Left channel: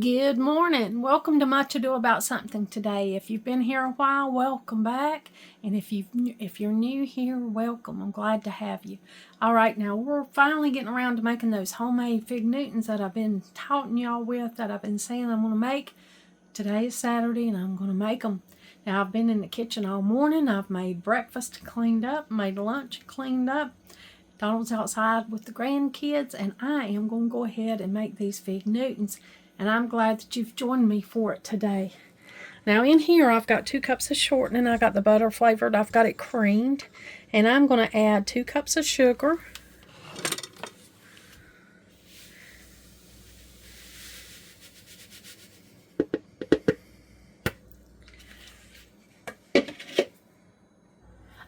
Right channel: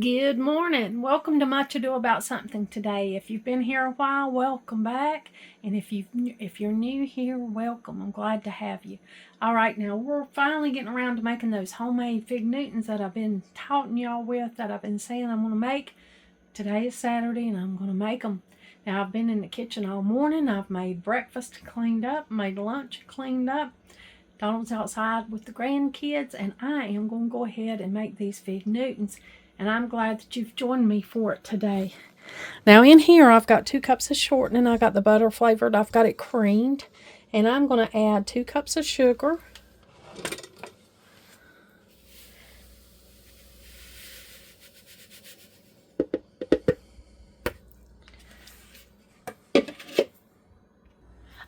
Good morning. Welcome to Much Ado About Something today. If you've been here a while, welcome back. And if you're new here, welcome. I'm glad to have you. All right, now we're finally getting around to making those homemade fig Newtons that I've been taunting y'all with, that I've been saying I'm going to make. Today is Saturday and I'm going to make them. Now I've been in the kitchen all morning. I've made breakfast, cleaned up, made lunch, cleaned up. Donald's outside with the grandkids, and I am going to go ahead and make these fig Newtons. And I'm glad that you've joined me for it today. Now in here I've got 2 cups of shortening. I got the butter flavored. I've got it creamed. And I'm going to add 2 cups of sugar.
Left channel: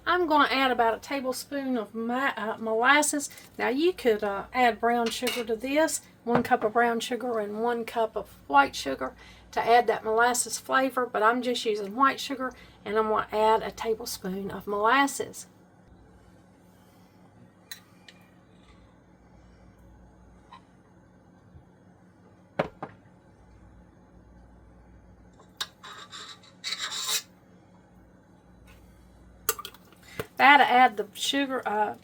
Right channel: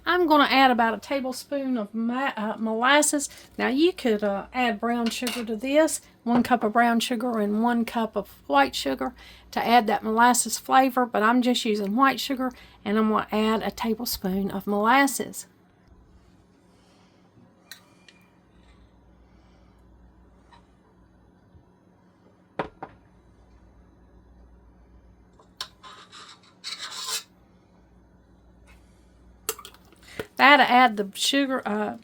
I'm going to add about a tablespoon of molasses. Now you could add brown sugar to this. 1 cup of brown sugar and 1 cup of white sugar to add that molasses flavor, but I'm just using white sugar, and I'm going to add a tablespoon of molasses. That'll add the sugar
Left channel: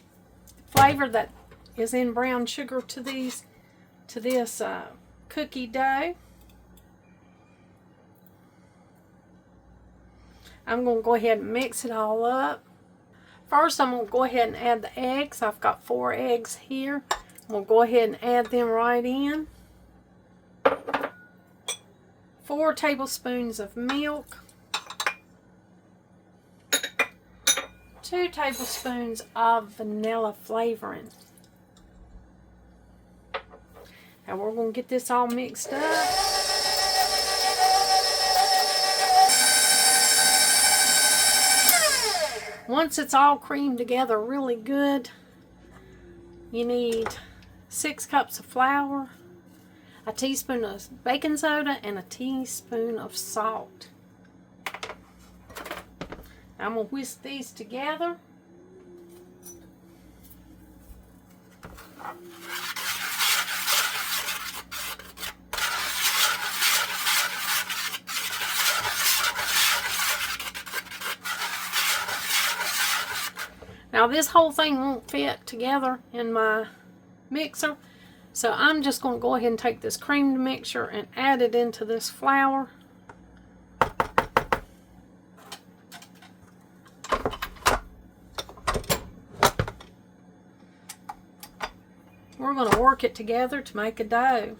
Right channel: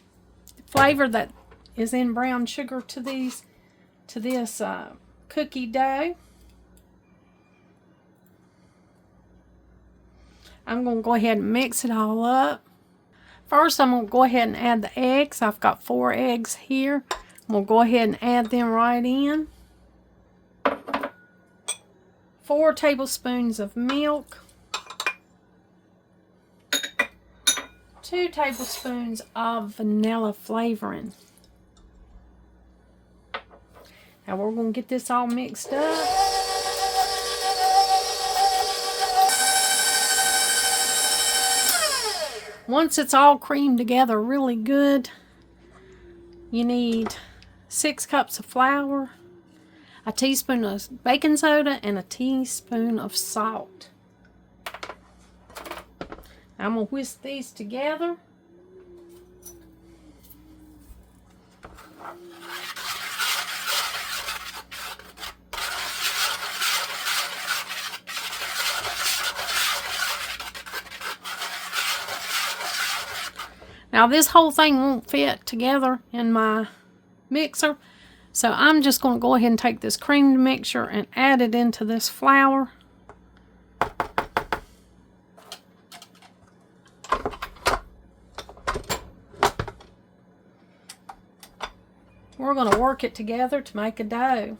flavor that is in brown sugar to this cookie dough. I'm going to go ahead and mix it all up. First, I'm going to go ahead and add the eggs. I've got 4 eggs here. I'm going to go ahead and add them right in. 4 tablespoons of milk. 2 tablespoons of vanilla flavoring. Now we're going to get this all mixed up. Once it's all creamed together really good, you need 6 cups of flour, a teaspoon of baking soda, and a teaspoon of salt. I'm going to whisk these together. Now this whole thing won't fit together in my mixer, so I'm just going to go ahead and take this creamed mixture and add it into this flour. We're going to work it together to make a dough.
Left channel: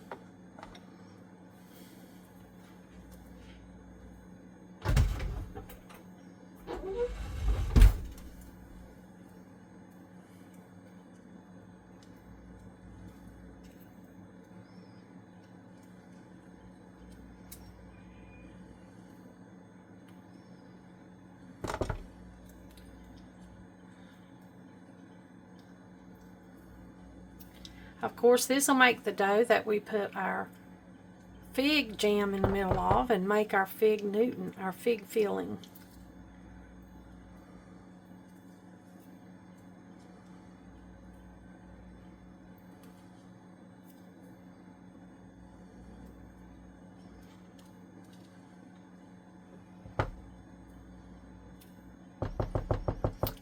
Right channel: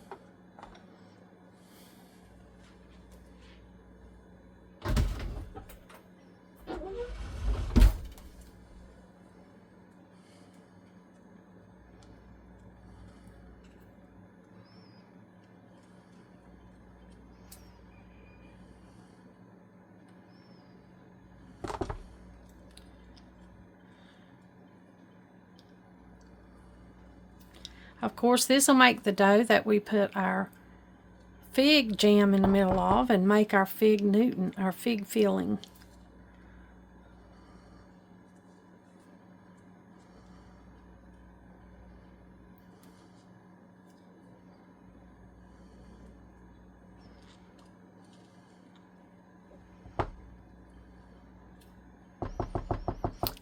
Of course, this will make the dough that we put our fig jam in the middle of and make our fig Newton, our fig filling.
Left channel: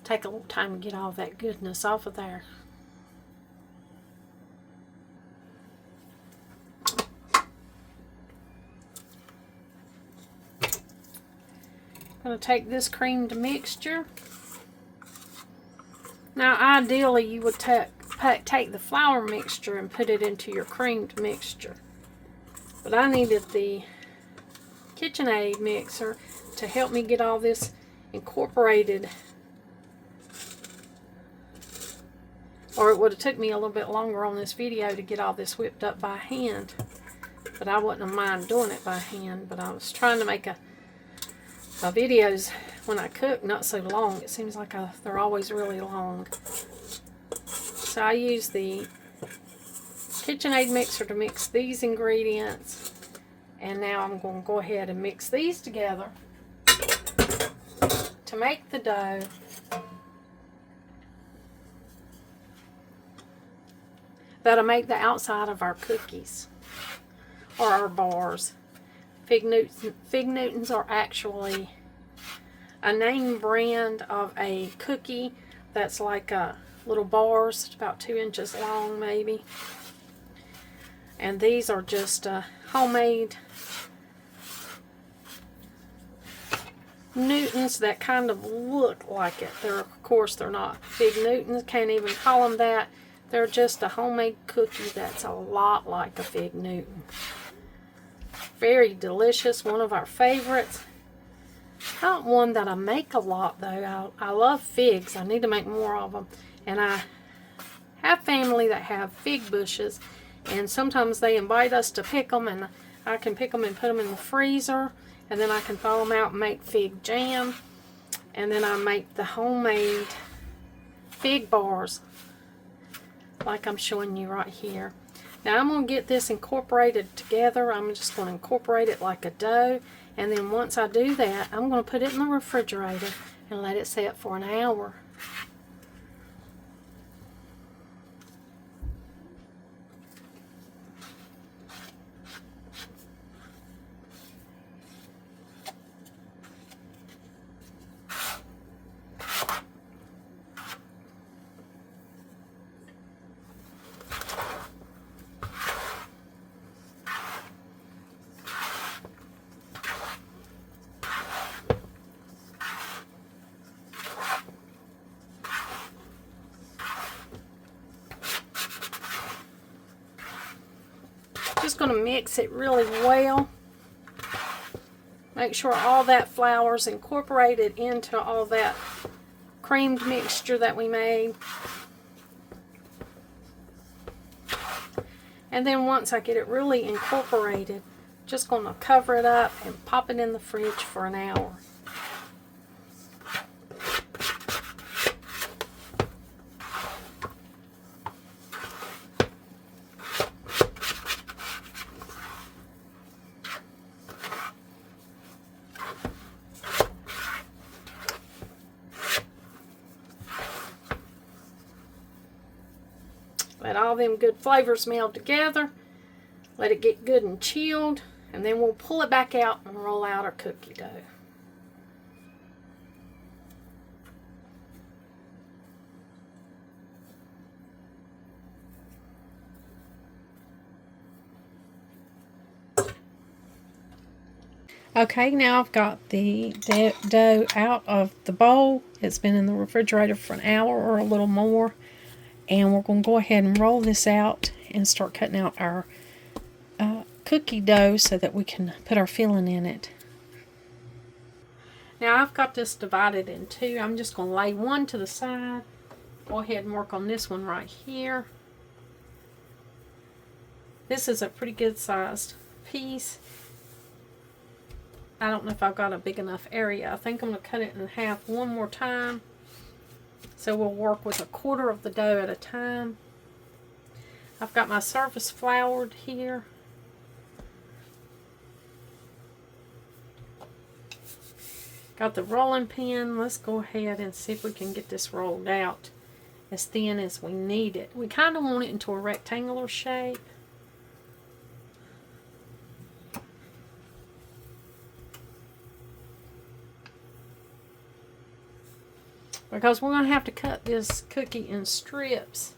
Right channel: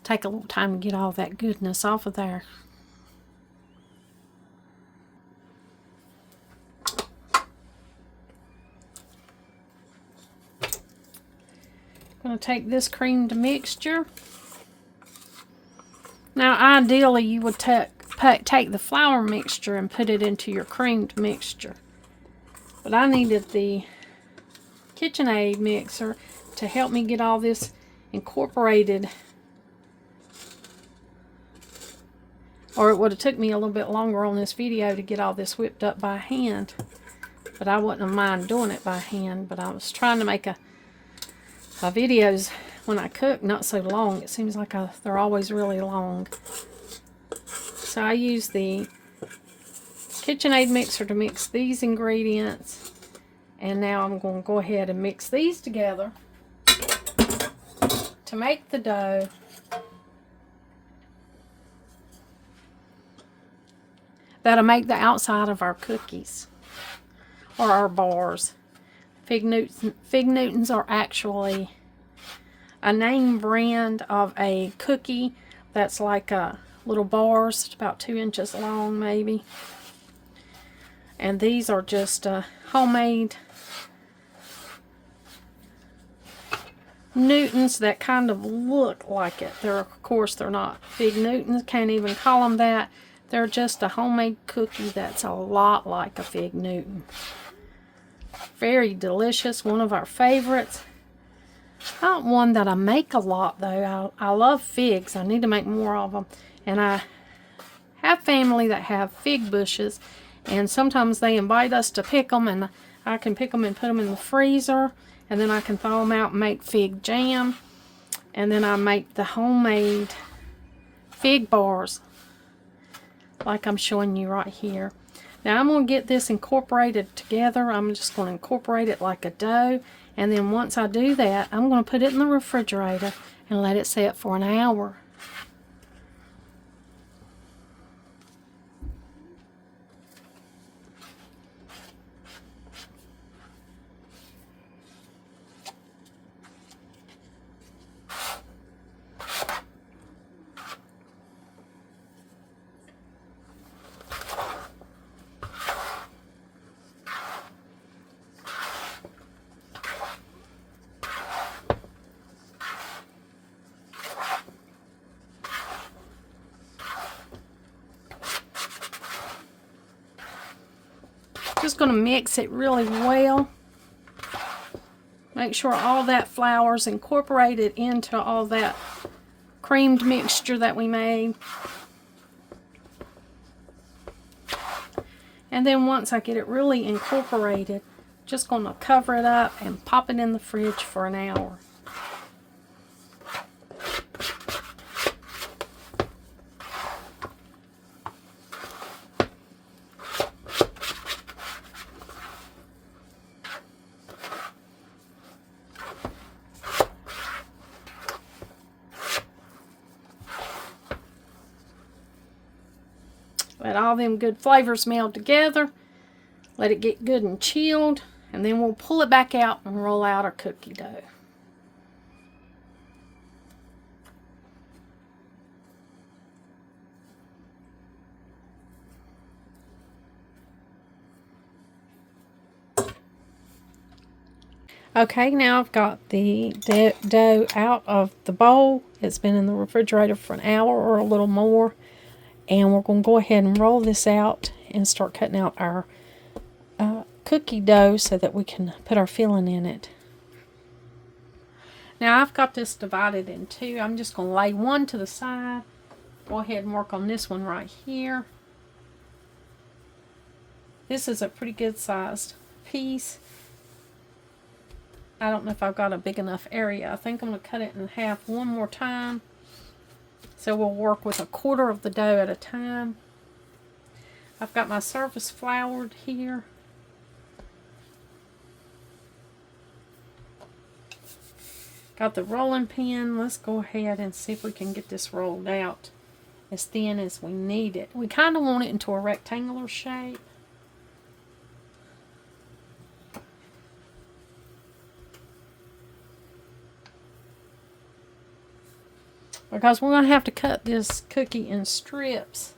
Take a little time to get all that goodness off of there. I'm going to take this creamed mixture. Now ideally you would take the flour mixture and put it into your creamed mixture. But I needed the KitchenAid mixer to help me get all this incorporated, or it would have took me a little bit longer on this video to get all this whipped up by hand. But I wouldn't mind doing it by hand, but I was trying to make my videos when I cook not so long. It seems like they're always really long. So I use the KitchenAid mixer to mix these ingredients, and now I'm going to go ahead and mix these together to make the dough. That'll make the outside of our cookies. or our bars. Fig Newtons are actually a name brand of a cookie that's like a little bars, about 2 inches long maybe. And these are just homemade Newtons that kind of look like it. Of course, they're not Fig Newtons, can't even call them that. They're just a homemade cookie that's a lot like a Fig Newton. Very delicious, one of our favorites. Not one that I make a lot though. I love figs. I need to make more of them. And I have family that have fig bushes, and sometimes they invite us to pick them, and I can pick them and put them in the freezer, and then I can thaw them out and make fig jam. And then I make the homemade fig bars like I'm showing you right here. Now I'm going to get this incorporated together. I'm just going to incorporate it like a dough. And then once I do that, I'm going to put it in the refrigerator and let it set for an hour. Just going to mix it really well. Make sure all that flour is incorporated into all that creamed mixture that we made. And then once I get it really incorporated, just going to cover it up and pop it in the fridge for an hour. Let all them good flavors meld together. Let it get good and chilled. And then we'll pull it back out and roll out our cookie dough. Okay, now I've got the dough out of the bowl. It's been in the refrigerator for an hour or a little more. And we're going to go ahead and roll this out and start cutting out our cookie dough so that we can put our filling in it. Now I've got this divided in two. I'm just going to lay one to the side. Go ahead and work on this one right here. This is a pretty good sized piece. I don't know if I've got a big enough area. I think I'm going to cut it in half one more time. So we'll work with 1/4 of the dough at a time. I've got my surface floured here. Got the rolling pin. Let's go ahead and see if we can get this rolled out as thin as we need it. We kind of want it into a rectangular shape. Because we're going to have to cut this cookie in strips,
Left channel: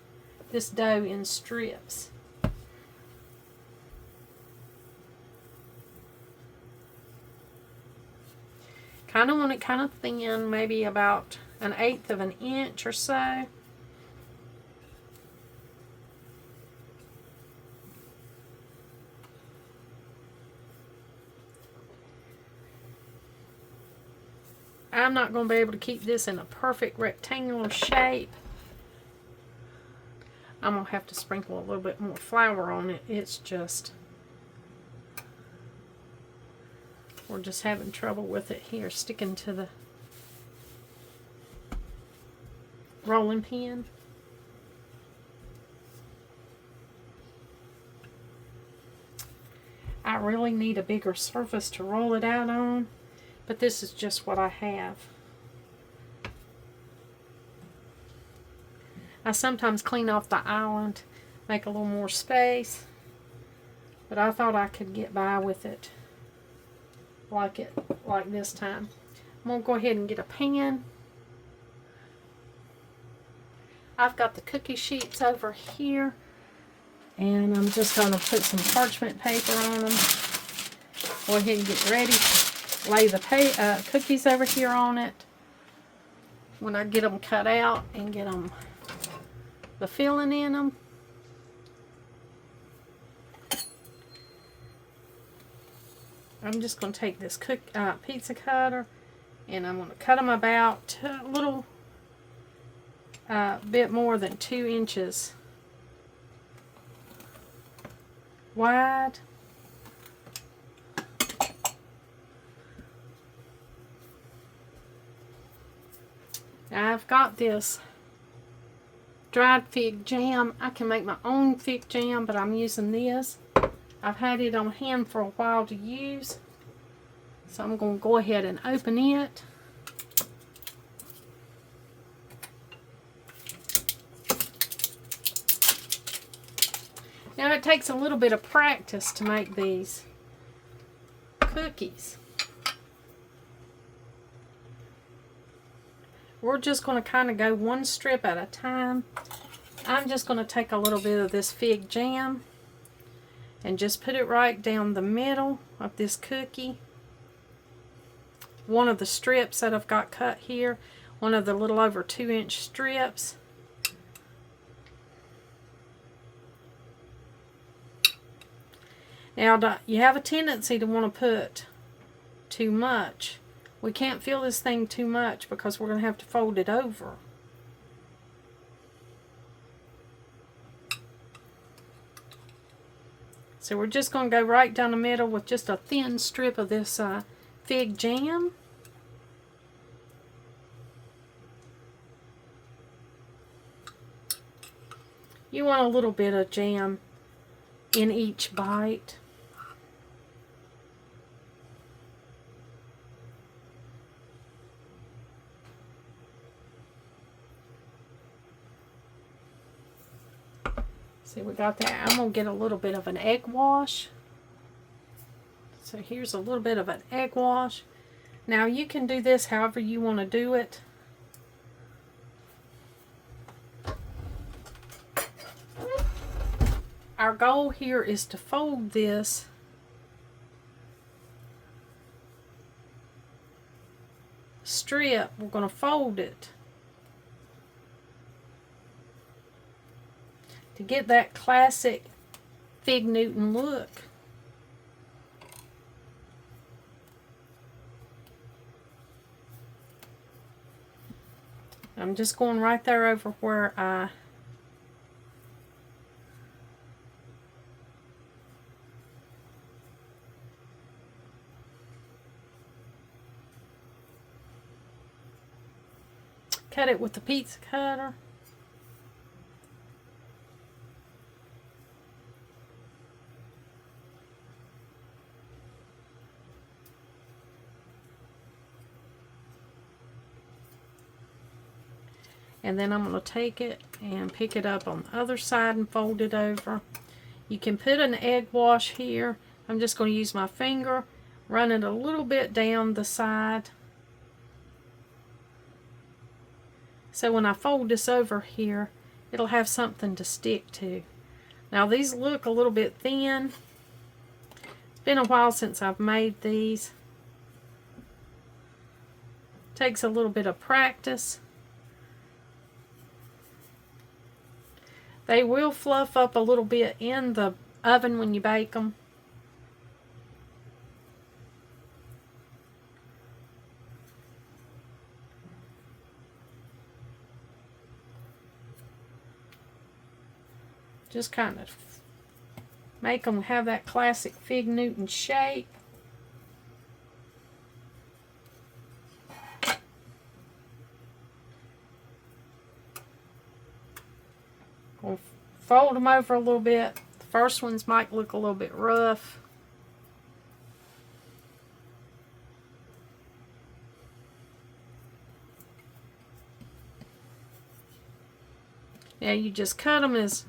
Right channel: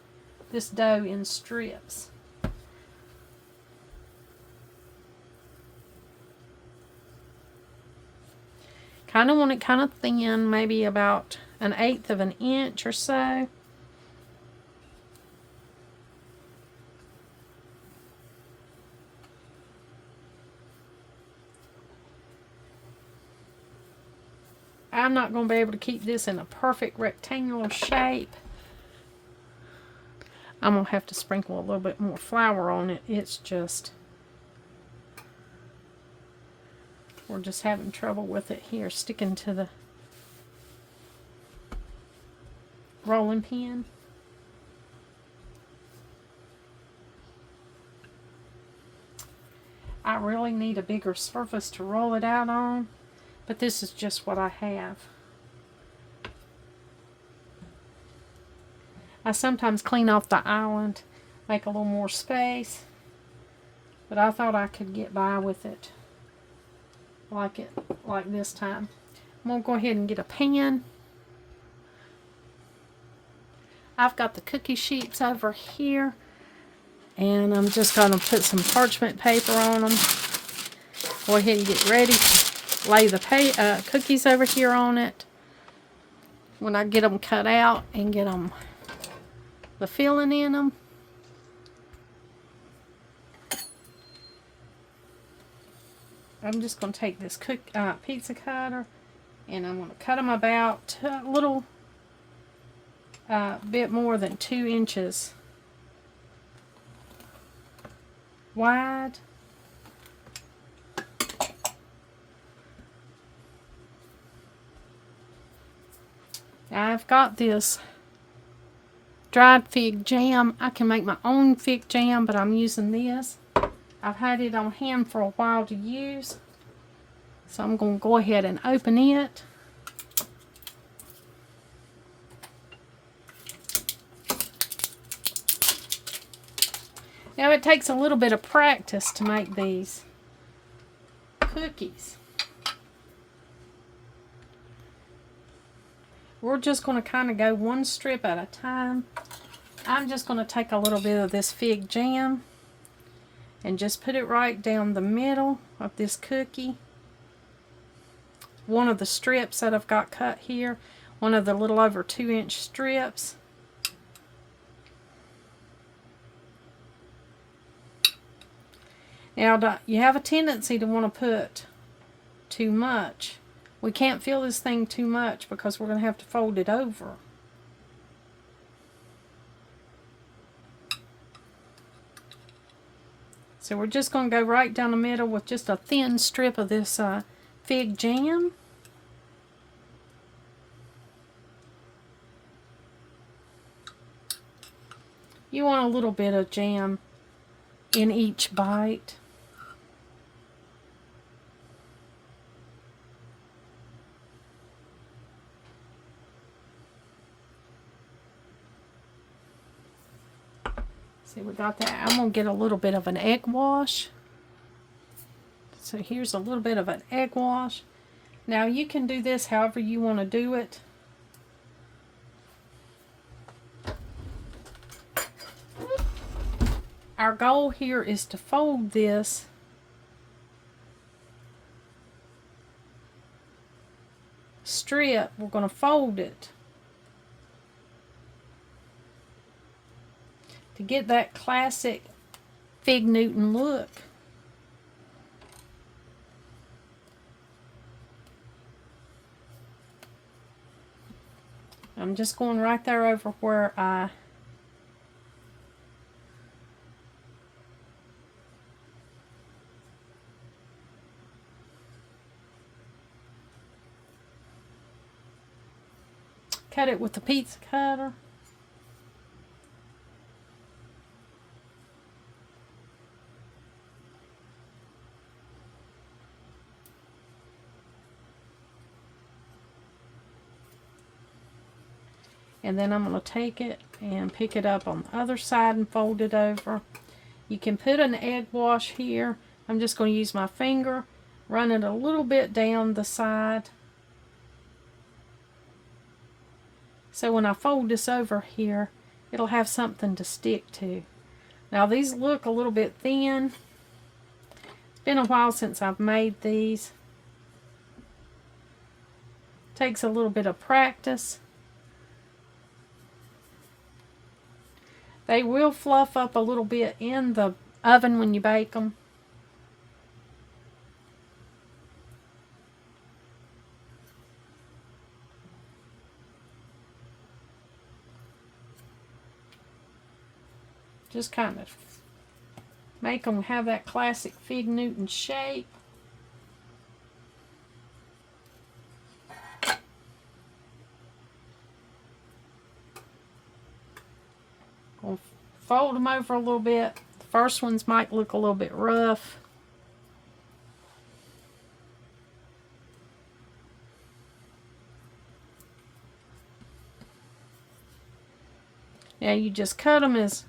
this dough in strips. Kind of want it kind of thin, maybe about 1/8 of an inch or so. I'm not going to be able to keep this in a perfect rectangular shape. I'm going to have to sprinkle a little bit more flour on it. It's just, we're just having trouble with it here, sticking to the rolling pin. I really need a bigger surface to roll it out on. But this is just what I have. I sometimes clean off the island, make a little more space. but I thought I could get by with it like this time. I'm going to go ahead and get a pan. I've got the cookie sheets over here, and I'm just going to put some parchment paper on them. Go ahead and get ready to lay the cookies over here on it. When I get them cut out and get them the filling in them. I'm just going to take this pizza cutter, and I'm going to cut them about a little bit more than 2 inches wide. Now I've got this dried fig jam. I can make my own fig jam, but I'm using this. I've had it on hand for a while to use, so I'm going to go ahead and open it. Now it takes a little bit of practice to make these cookies. We're just going to kind of go one strip at a time. I'm just going to take a little bit of this fig jam and just put it right down the middle of this cookie. One of the strips that I've got cut here, one of the little over 2-inch strips. Now, you have a tendency to want to put too much. We can't fill this thing too much because we're going to have to fold it over. So we're just going to go right down the middle with just a thin strip of this fig jam. You want a little bit of jam in each bite. See, we got that. I'm going to get a little bit of an egg wash. So here's a little bit of an egg wash. Now you can do this however you want to do it. Our goal here is to fold this strip. We're going to fold it to get that classic Fig Newton look. I'm just going right there over where I cut it with the pizza cutter. And then I'm going to take it and pick it up on the other side and fold it over. You can put an egg wash here. I'm just going to use my finger, run it a little bit down the side. So when I fold this over here, it'll have something to stick to. Now these look a little bit thin. It's been a while since I've made these. Takes a little bit of practice. They will fluff up a little bit in the oven when you bake them. Just kind of make them have that classic Fig Newton shape. Gonna fold them over a little bit. The first ones might look a little bit rough. Now you just cut them as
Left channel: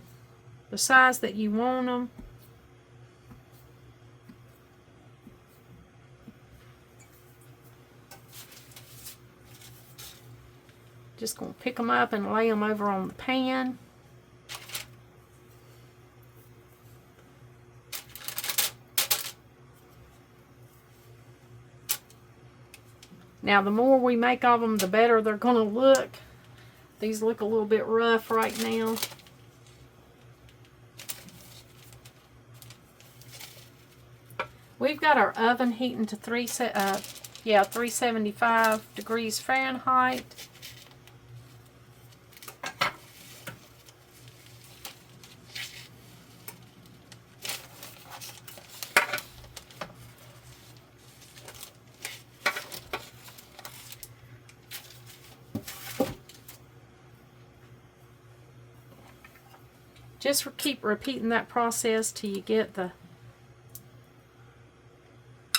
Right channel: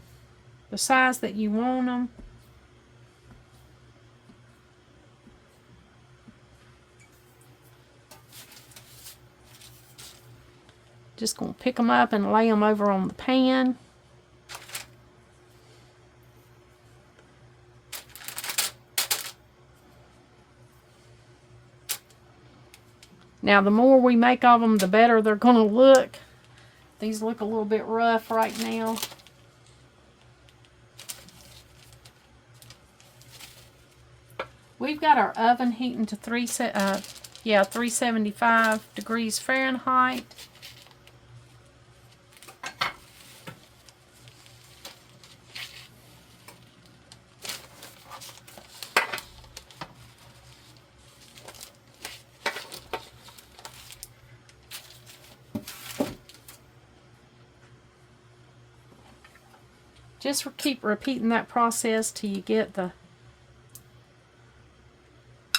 the size that you want them. Just going to pick them up and lay them over on the pan. Now, the more we make of them, the better they're going to look. These look a little bit rough right now. We've got our oven heating to 375 degrees Fahrenheit. Just keep repeating that process till you get the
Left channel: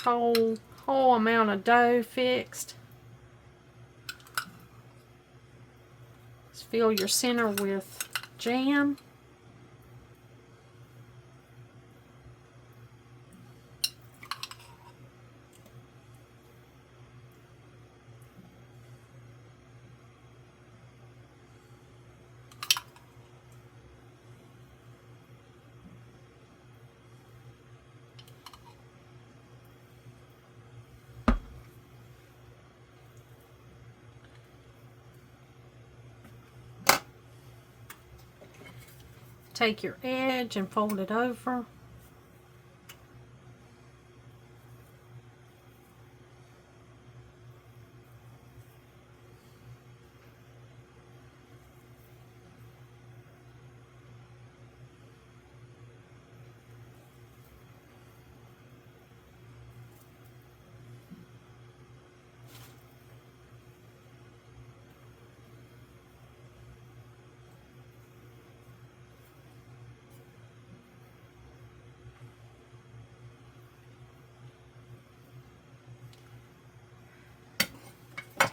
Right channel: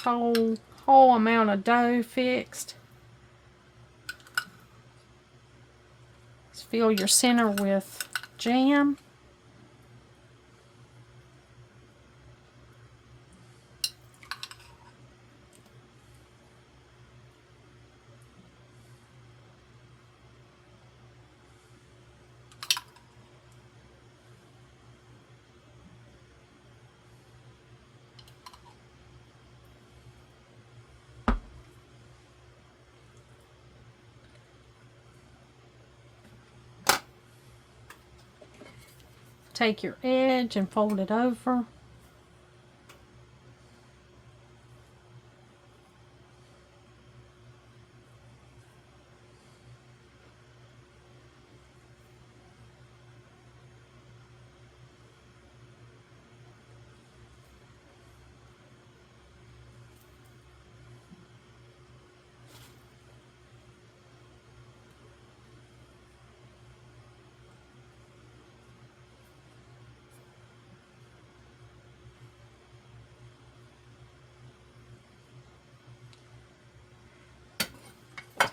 whole amount of dough fixed. Just fill your center with jam. Take your edge and fold it over.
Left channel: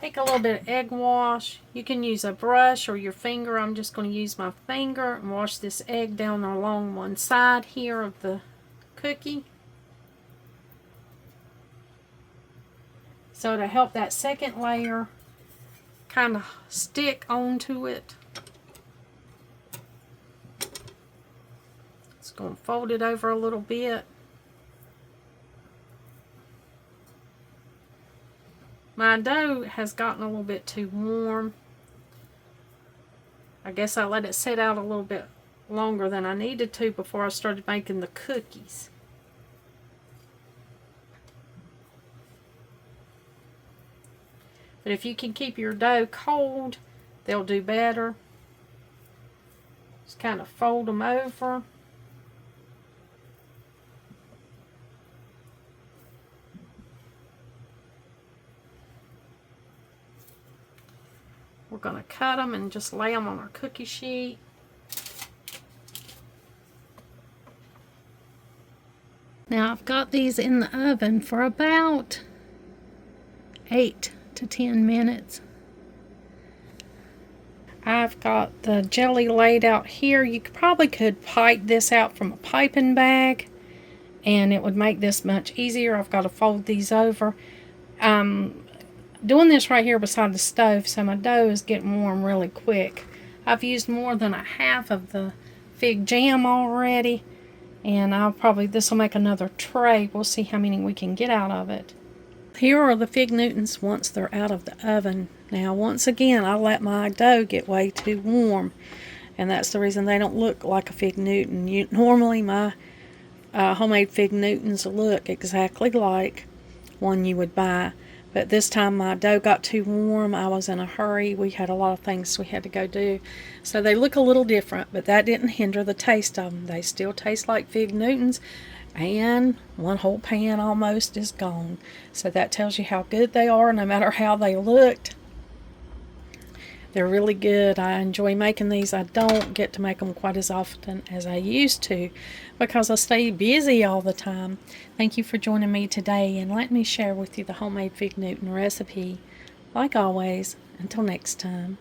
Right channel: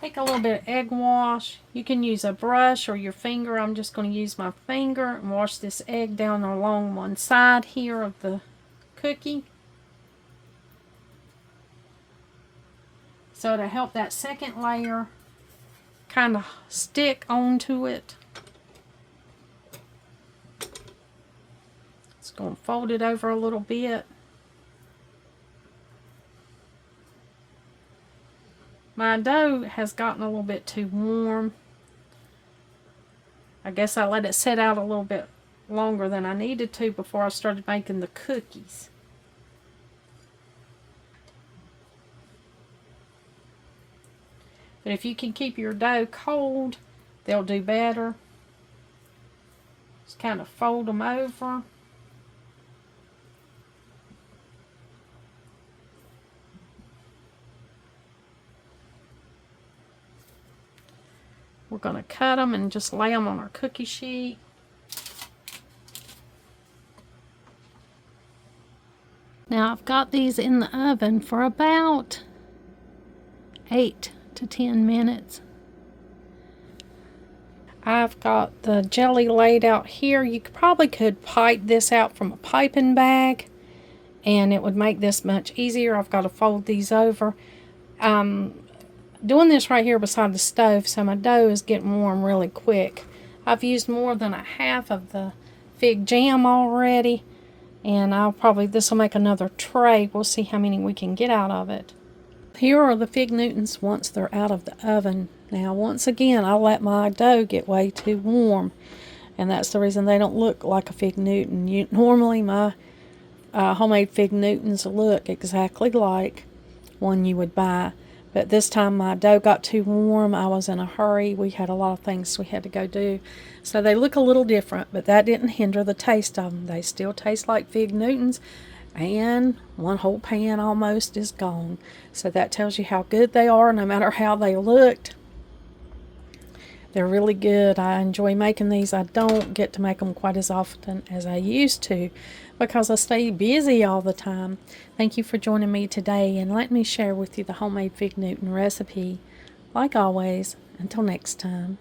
Take a little bit of egg wash. You can use a brush or your finger. I'm just going to use my finger and wash this egg down along one side here of the cookie. So to help that second layer kind of stick onto it. Just going to fold it over a little bit. My dough has gotten a little bit too warm. I guess I let it set out a little bit longer than I needed to before I started making the cookies. But if you can keep your dough cold, they'll do better. Just kind of fold them over. We're going to cut them and just lay them on our cookie sheet. Now I've got these in the oven for about 8 to 10 minutes. I've got the jelly laid out here. You probably could pipe this out from a piping bag and it would make this much easier. I've got to fold these over. Doing this right here beside the stove, so my dough is getting warm really quick. I've used more than a half of the fig jam already, and this will make another tray. We'll see how many we can get out of it. Here are the fig Newtons once they're out of the oven. Now, once again, I let my dough get way too warm, and that's the reason they don't look like a fig Newton. Normally, my homemade fig Newtons look exactly like one you would buy. But this time my dough got too warm. I was in a hurry. We had a lot of things we had to go do. So they look a little different, but that didn't hinder the taste of them. They still taste like fig Newtons, and one whole pan almost is gone. So that tells you how good they are, no matter how they looked. They're really good. I enjoy making these. I don't get to make them quite as often as I used to because I stay busy all the time. Thank you for joining me today and let me share with you the homemade fig Newton recipe. Like always, until next time.